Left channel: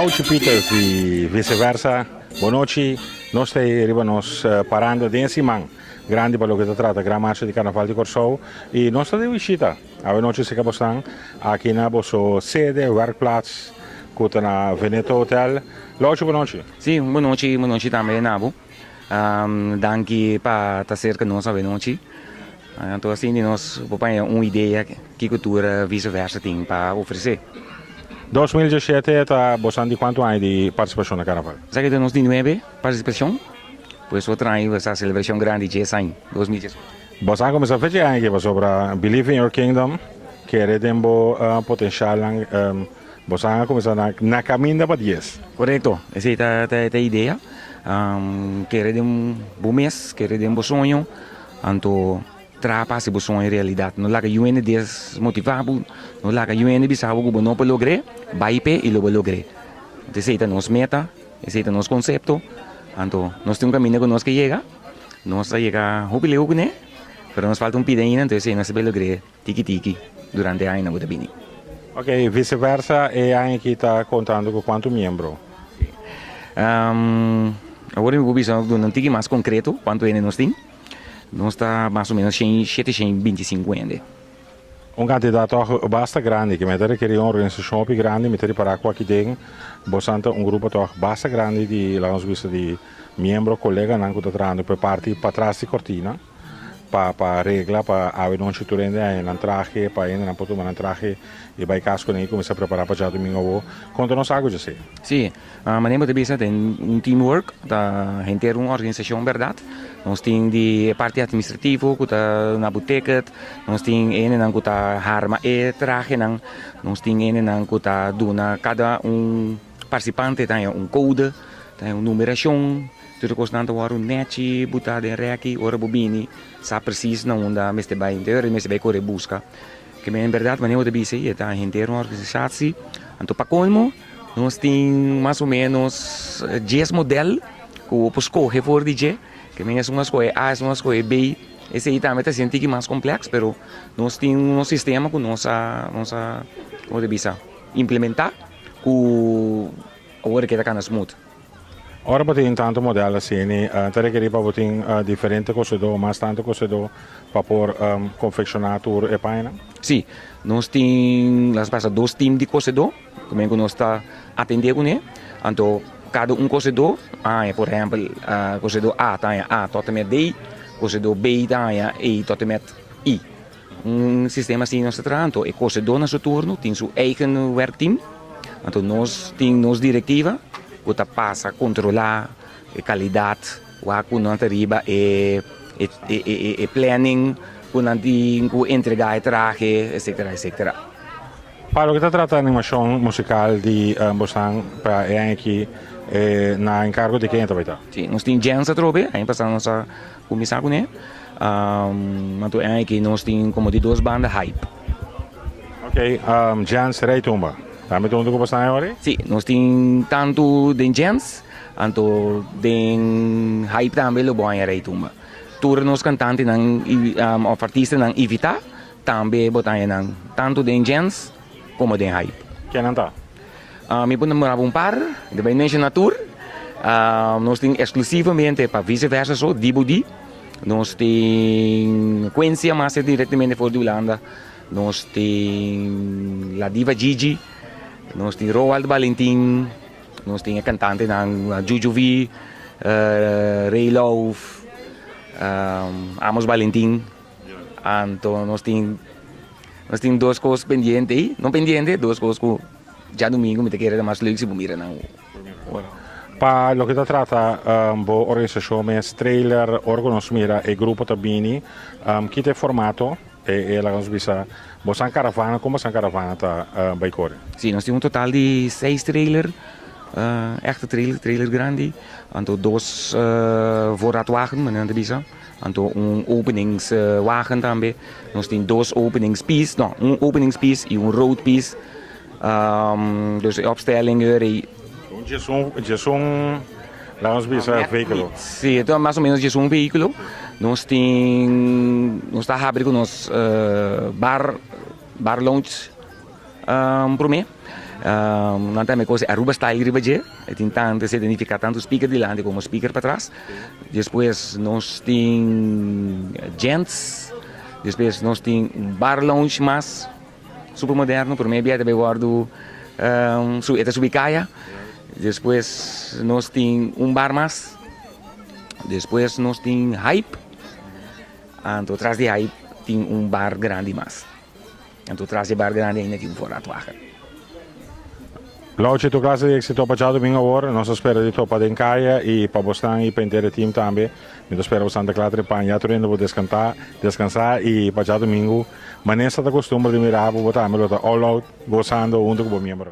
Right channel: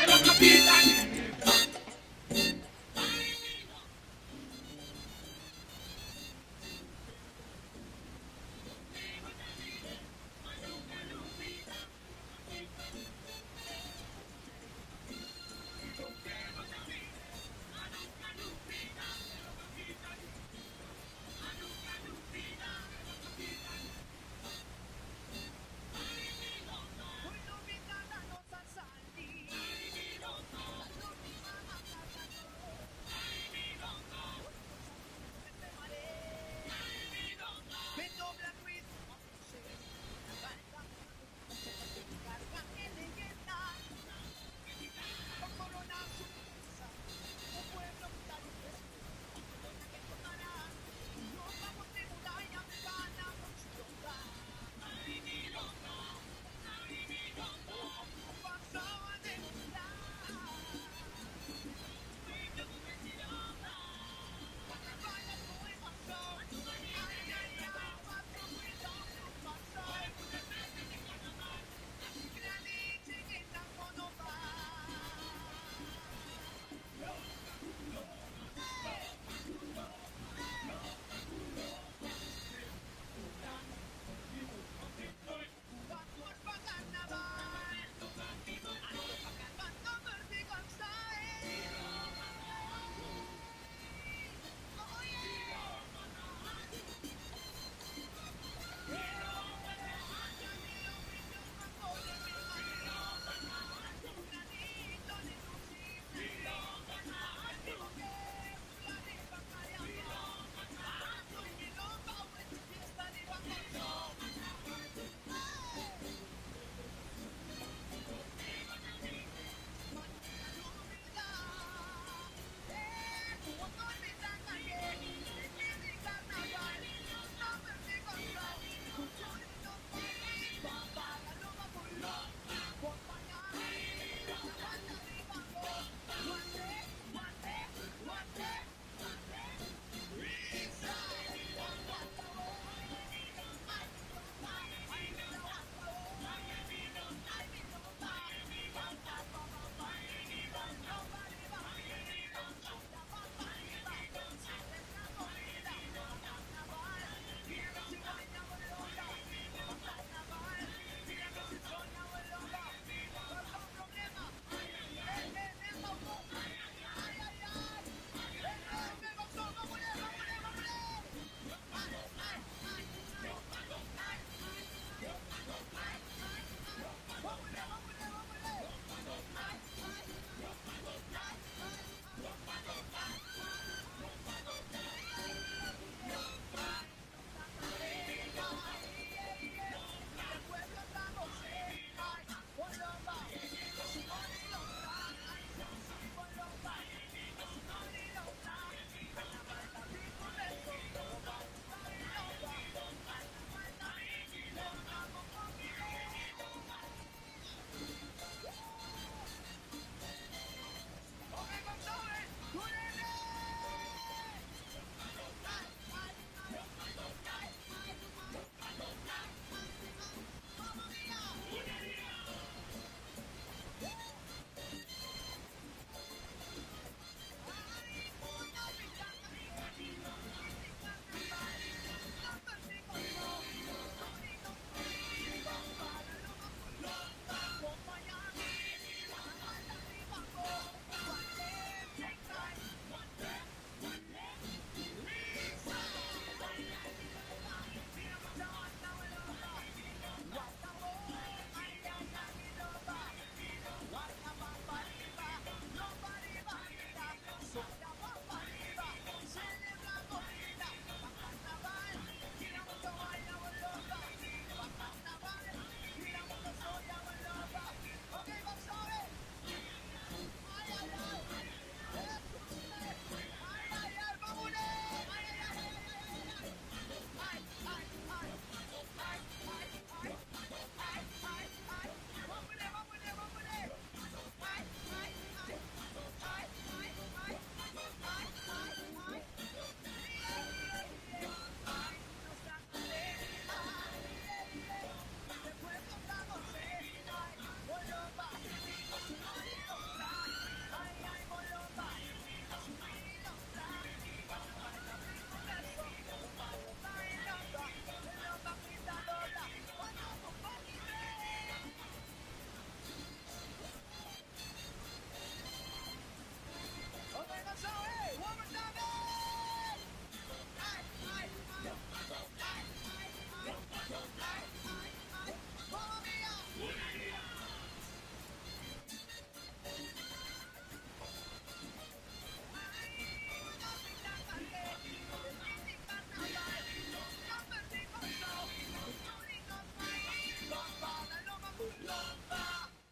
Lógico, Peter, e vice-versa. Boa noite. Nós estamos parando de Simão. Grande para o que se trata, grande marcha de Carnaval de Corsou. E nós estamos de visita. A noite se acabou aqui na nossa sede, werkplaats, que na Veneto Hotel. Lógico, boa noite. Sim, boa noite também, Nabo. Danke para estar cerca de nós a noite. Então, assim, nós vamos uma ideia que a cultura vice-versa tem para oferecer. 2017 está bastante quanto anos de participação na Carnaval? Já que nós temos 9 participação, pois outra ano essa celebração grande de 10 anos, 2017. Você começou a fazer aqui sobre Believe in Your Kingdom, que é de potencial, você começou na caminho para 10. Correto, essa é a ideia. Querer um bom mês, querer um bom sonho, então trapa se bom sonho em realidade. Não lá que o UND desmotivado, não lá que o UND bisa algo que não pode lograr, vai pé e logo lograr. Essa é a nossa meta, esse é o nosso conceito. Então nós temos um caminho que nós que chega, nós chega jubileu né, mas nos falta pida ainda, então esse nós se lograr tiki durante a ano da bini. Ok, vice-versa, e aí que está contando com quanto membro? Agora eu vou dizer um tique mais concreto, quanto ainda nós temos. Nós está mais ou menos 725 ainda. Um candidato bastante grande, que meter que uma organização grande, meter para aqui dentro, bastante um grupo bastante grande de lá nos vistos de membro, colega, não que está trazendo para parte para trás de cortina, para regla, para a não se turende na traje, para ainda não pode tomar traje e vai casco nem começar a preparar para já domingo. Conta nos algo já sei. Sim, a maneira de pensar tem teamwork, da gente uma organização verdade. Nós temos de parte administrativa, que está na boteca, nós temos que está arma e traje, nós temos que está dando cada participante tem code, tem numeração, tudo constante o net, botar em rec, ora bobini, sabe preciso não onde mestre vai interior, mestre vai correr busca. Que em verdade maneira de pensar é a gente uma organização, então para colmo nós temos mais ou menos 10 modelos que o escolhe for DJ. Que é uma escolha A, uma escolha B. Esse aí também está sendo mais complexo, mas nós temos um sistema que nós vamos implementar com a hora que está smooth. Ora tem tanto modelo assim, terei que para botar diferente coisas mas tanto coisas para por confeccionar tour e paina. Sim, nós temos dois times de coisas como é que nós está atendendo, né? Então cada cozinhador, por exemplo, cozinhador A tem A totalmente D, cozinhador B tem E totalmente I. Sistema assim nós tratamos, então o cozinhador no seu turno tem seu eigen werkteam, então nós temos nossa diretiva, que passa a controlar a qualidade, o que nós arriba e planning, que nós entregar o traje, etc. Para o que está tratando a animação musical de Boston para aqui na encargo de quem vai estar? Sim, nós temos Jens a trobe, aí passamos a começar com ele. Então aqui nós temos como de duas bandas hype. Ok, Jens Rei Tumba. Também tudo que você agora? Sim, nós temos tanto de Jens, então de hype também o bom é Rei Tumba. Todos os cantantes, os artistas não evitar, também botar tanto de Jens como de hype. Quem não está? Me pode namorar par, de bem na tour. Nós temos exclusivamente para vice-versa, só Dibudi. Nós temos Quência, mas é diretamente fora da Holanda. Nós temos a diva Gigi. Nós temos Roald Valentin. Nós temos a cantante Juju V, Ray Love, Amos Valentin. Então nós temos duas coisas pendentes aí. Não pendentes, duas coisas que já domingo me querer mais leuk se mira não. Para o que trata boa organização, mas trailer, órgãos mira e grupo também, que tem formato e ela nos visa, você caravana como essa caravana tá vai correr? Sim, nós temos um total de 6 trailers, echte trailer grande, então 2 voorraadwagen, maneira de bisa, então openingswagen também, nós temos 2 openingspiece, não, openingspiece e road piece. Dus de opstelling e lá nos visa veículo. Sim, então mais ou menos um veículo. Nós está abrindo nos bar lounge para mim. Nós também coisa Aruba está aí ribaje, tentando se identificar tanto o speaker de lado como o speaker para trás. Depois nós tem gents, depois nós tem bar lounge mais super moderno, por mim também guardo esta subicaia. Depois nós tem bar mais, depois nós tem hype, e atrás de hype tem bar grande mais. Então atrás de bar grande ainda tem fora atuar. Lá c'è tu classe di exito paggiato domingo ora, non so spero di toppa in caia e per bostan e pendere team tambe. Mi spero Santa Clara pagna tornando per descansare e paggiato domingo. Ma non è stata costumbre di mirare per votare, all out gozando junto con il membro.